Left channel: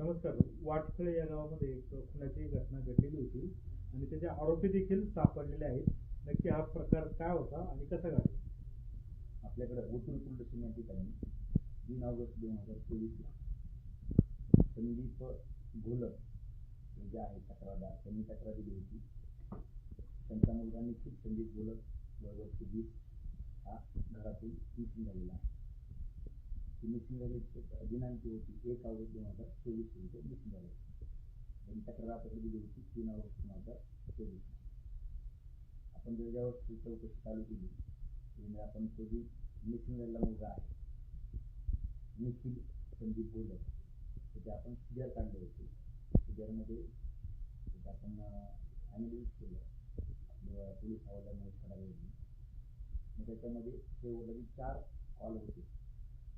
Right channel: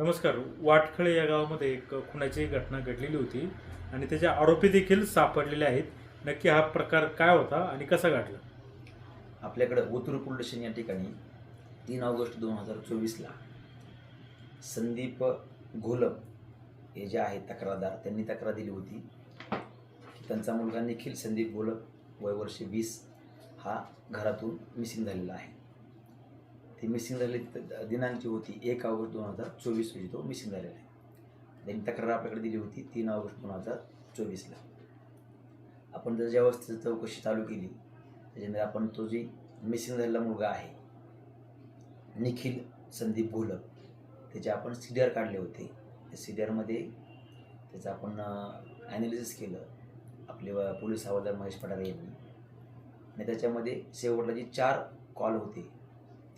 नमस्कार. वाटखळे या गावामध्ये एक खुनाची घटना घडलेली होती आणि त्याचे आरोपी देखील सापडलेले आहेत. नक्की हा प्रकार काय होता आणि कसा घडला? आपल्याकडं ओतूर पोलीस या ठिकाणी तीन ऑगस्ट दोन हजार चोवीसला संदीप घोलप हे जे आहेत तक्रारदार त्यांनी तक्रार दिली होती. त्यांचा मुलगा निखिल संदीप घोलप वय वर्ष वीस हा घरातून मिसिंग झालेला आहे. ती मिसिंग झालेली दिनांक दिनांची होती एक ऑगस्ट दोन हजार चोवीस रोजी तो मिसिंग झालेला आहे. त्यांनी तक्रार आपल्याकडे दिली होती तीन ऑगस्ट दोन हजार चोवीसला आपण जर ज्या त्याची चौकशी चालू केली त्याच्यानंतर आपण तो जी मिसिंग झालेला मुलगा आहे निखिल संदीप भोलक त्याचे आपण सी डी आर काढले होते. त्या सी डी आरमध्ये त्याचं आपण ॲनालिसिस केलं आपले पोलीस हवालदार महेश पठारे यांनी. आणि त्याच्यामध्ये शेवटला जे चार कॉल होते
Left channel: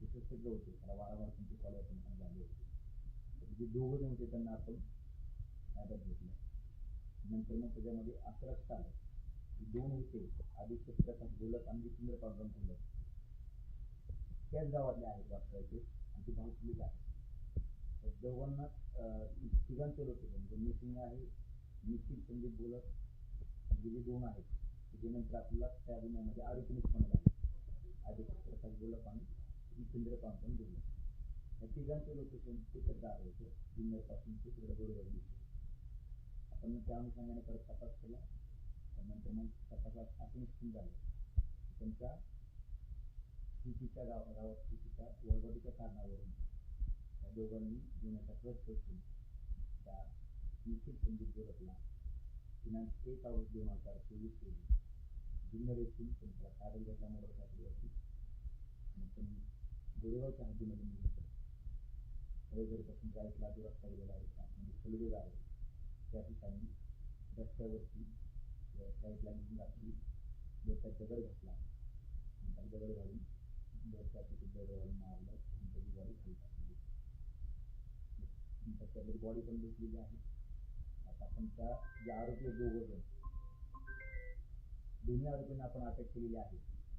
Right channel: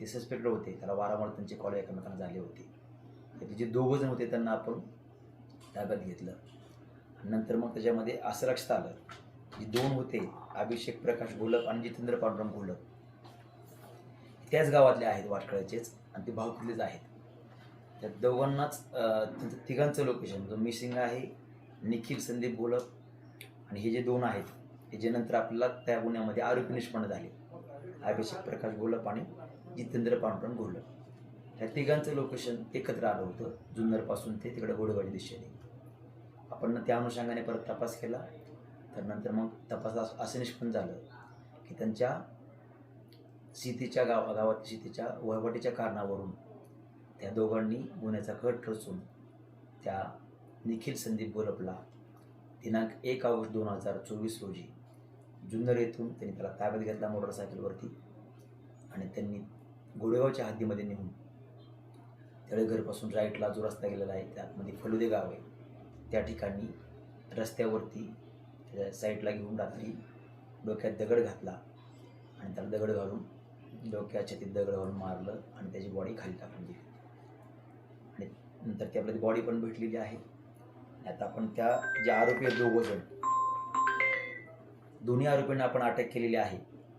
ते सस्पेक्टेड होते. त्याला वारंवार त्यांचे कॉल एकमेकांना झाले होते. त्याचे जे दोघं जण होते त्यांना आपण ताब्यात घेतलं. आणि नंतर मग त्याच्यामध्ये असं लक्षात आलं जे दोन होते अभिषेक प्रकाश घोलप आणि जितेंद्र पांडुरंग घोलप त्याच गावातले आहेत वाटकळ्याचेच आणि ते भावकीतलेच आहेत. त्या दोघांनाच तिघांचं लोकेशन जो मिसिंग आहे निखिल संदीप घोलप आणि हे जे दोन आहेत हे जे नंतर आपल्याला त्या गुन्ह्यामध्ये आरोपी निष्पन्न झाले. अभिषेक प्रकाश घोलप आणि जितेंद्र पांडुरंग घोलप ह्या तिघांचं लोकेशन एकत्र आलं होतं. जुन्नरपासून ते तिकडे गोडेवाडी दिशेने. आपण त्या अनुषंगाने परत तपास केला तर नंतर मग तपास असं निष्पन्न झालं की त्यांच्या शेतीच्या गाव गावात सीतेच्या वळवटीच्या कारणावरून त्या दोघांनी गुन्ह्याचा कट रचून त्या निखिल संदीप गोलपला. दिनांक एक ऑगस्ट दोन हजार चोवीस रोजी. जुन्नर येथून त्यांनी त्याला ताब्यात घेतला मोटरसायकलवरती आणि त्यांनी गोडेगावच्या हद्दीमध्ये नेऊन तळेघरपासून राईटला जो रस्ता गेलेला आहे त्यामध्ये फलुदे गाव आहे. त्या ठिकाणी रस्त्यावरती त्याच्या साईडला घेऊन रात्री डोक्यात दगड घातला आणि त्याला दगड घालून डोक्याच्या ते दगड घालून मारलं आणि त्याची बॉडी खाली टाकून दिली. आणि नंतर ती आपल्याला बॉडी पण भेटलेली आहे. आता आपण त्या जे आरोपी आहेत दोघं जण दोन्ही आरोपींना आपण अटक केलेली आहे.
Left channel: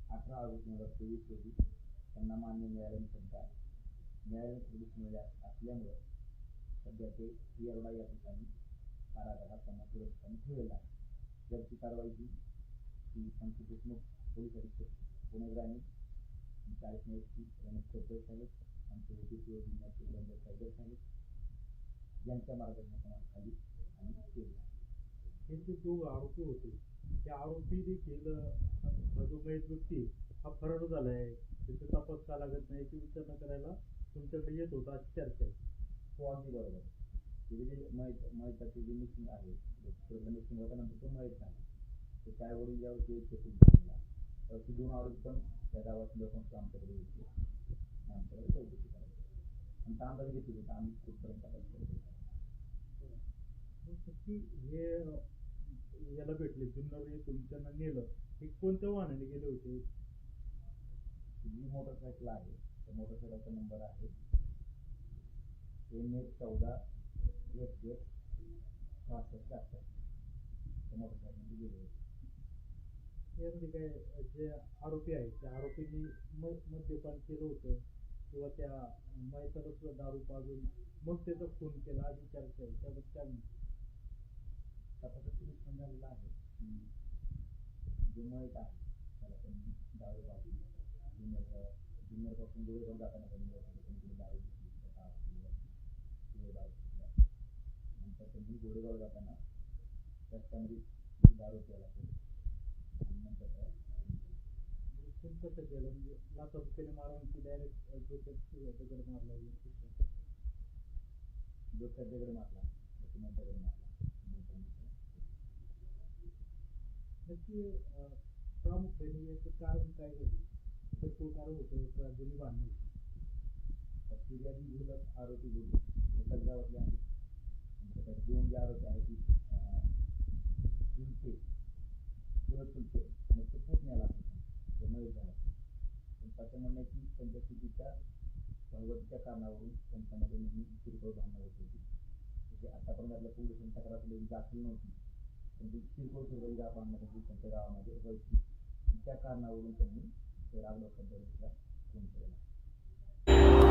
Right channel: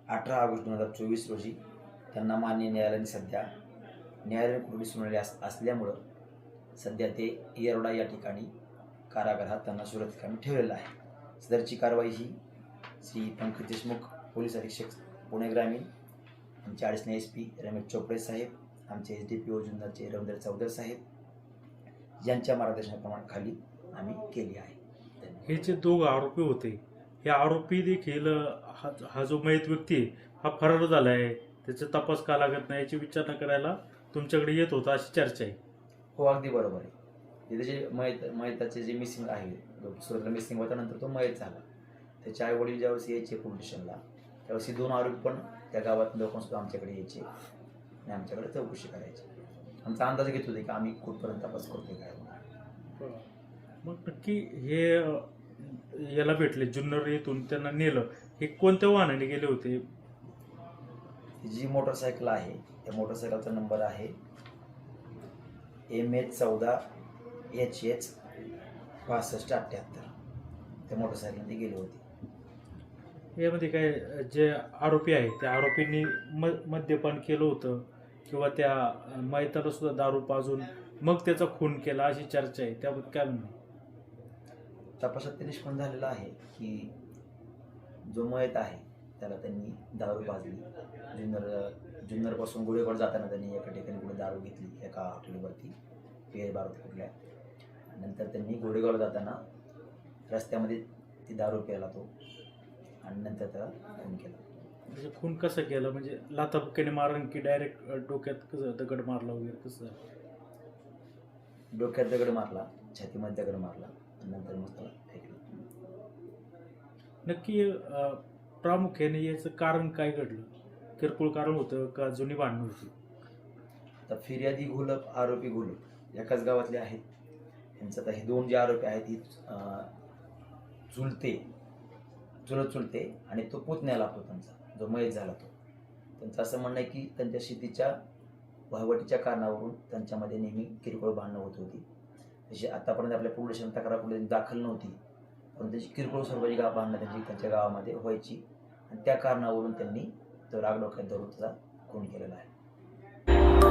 अठरा ऑगस्ट दोन हजार चोवीस रोजी त्यांना मान्य न्यायालयाने सध्या न्यायालयीन कोठडी सुनावली अस असल्यामुळं सध्या ते येरोडा या ठिकाणी कारागृहात त्यांना सुरक्षित ठिकाणी ठेवलेलं आहे. सदरची कारवाई ही श्री पंकज देशमुख पोलीस अधीक्षक पुणे ग्रामीण आमचे अडीचने एस पी रमेश चोपडे साहेब आमचे एस डी पी ओ जुन्नरचे रवींद्र चौधर साहेब यांच्या मार्गदर्शनाप्रमाणे खाली आम्ही केली आहे. हे जे दोघ आरोपी होते हे आरोपी देखील हा हा जो मयत व्यक्ती आहे हा फरार झाला आहे त्याचा तपास का लागत नाही याची विचारणा करायला तुमच्याकडे येत होता अशी चर्चा आहे. हो अगदी बरोबर आहे. तिथे जे मयत मयताचे जे मिसिंग आहे सुरुवातीला मिसिंग होता नंतर तो मयत झाला. त्याचे आई वडील ज्यावेळेस यायचे पोलीस स्टेशनला त्यावेळेस दोन आरोपी पण त्या गावात लोकांसुद्धा आमच्याकडे यायचे आणि आमच्याकडे चौकशी करायची. आमचा अंदाज घेत होते की आम्ही कुठपर्यंत तपास करतोय काय मग नक्की हे याला भेटले. जुन्नर येथून त्यांना नेलं. हे कोणत्या वाहनाने गेले होते? जी मोटरसायकल आहे त्या मोटरसायकलचा नंबर आहे एम एच चौदा एच एच पासष्ट अठ्ठ्याहत्तर. त्या मोटरसायकलने ते गेले होते. यामध्ये काय जे आरोपी आहेत त्या आरोपींनी म मद्यपान केलं होतं किंवा त्या अं, मयताला सुद्धा दारू पाजून मग त्याचा खून केला अशी चर्चा आहे. त्याबद्दल काय म्हणणं? तपासात ते निष्पन्न झालेलं आहे की जो मयत आहे त्याला त्यांनी दारू पाजली जुन्नर जुन्नरपासून गोळेवाड जाताना त्यांनी एका ठिकाणी कुठे दारू घेतली एका हॉटेलवरती पेर बारूत कुठल्या नंतर त्यांनी गोडेगावला जाताना रस्त्यामध्ये ती दारू प्यायला तो आणि नंतर त्याला खून केला. म्हणजे खून कसं केलं? म्हणजे लाथाबुक्याने मारण की डायरेक्ट डोक्यात कसं दगड मारला वगैरे कसं? डोक्यात दगड मारला छातीमध्ये दगड मारला. नंतर फेकलं. नक्की प्रामुख्याने याचं कारण काय घडलं? किरकोळ कारण होतं का जुनी भांडणं होती? आता फिर्यादी घोलप आरोपी घोलप एकाच गावातले आहेत. यांचं आता हे दोन जे आरोपी आहेत ही चुलते चुलत चुलते आणि तो पुतण्या लागतो त्यांचा जो मयत झाला तो. त्यांचं असं म्हणणं आहे की त्यांच्या शेतीच्या वहिवटीच्या कारणावरून त्यांच्यामध्ये नेहमी किरकोळ भांडणं होत होती. तशी आतापर्यंत आपल्या पोलीस तक्रार कुठे दाखल नव्हती पण त्याची किरकोळ स्वरूपाची गाव भांडणं त्यांची त्यांच्या गावामध्ये व्हायची. आणि त्या कारणावरून त्यांनी तो रागडोक्यात धरून त्याचा खून केलेला आहे.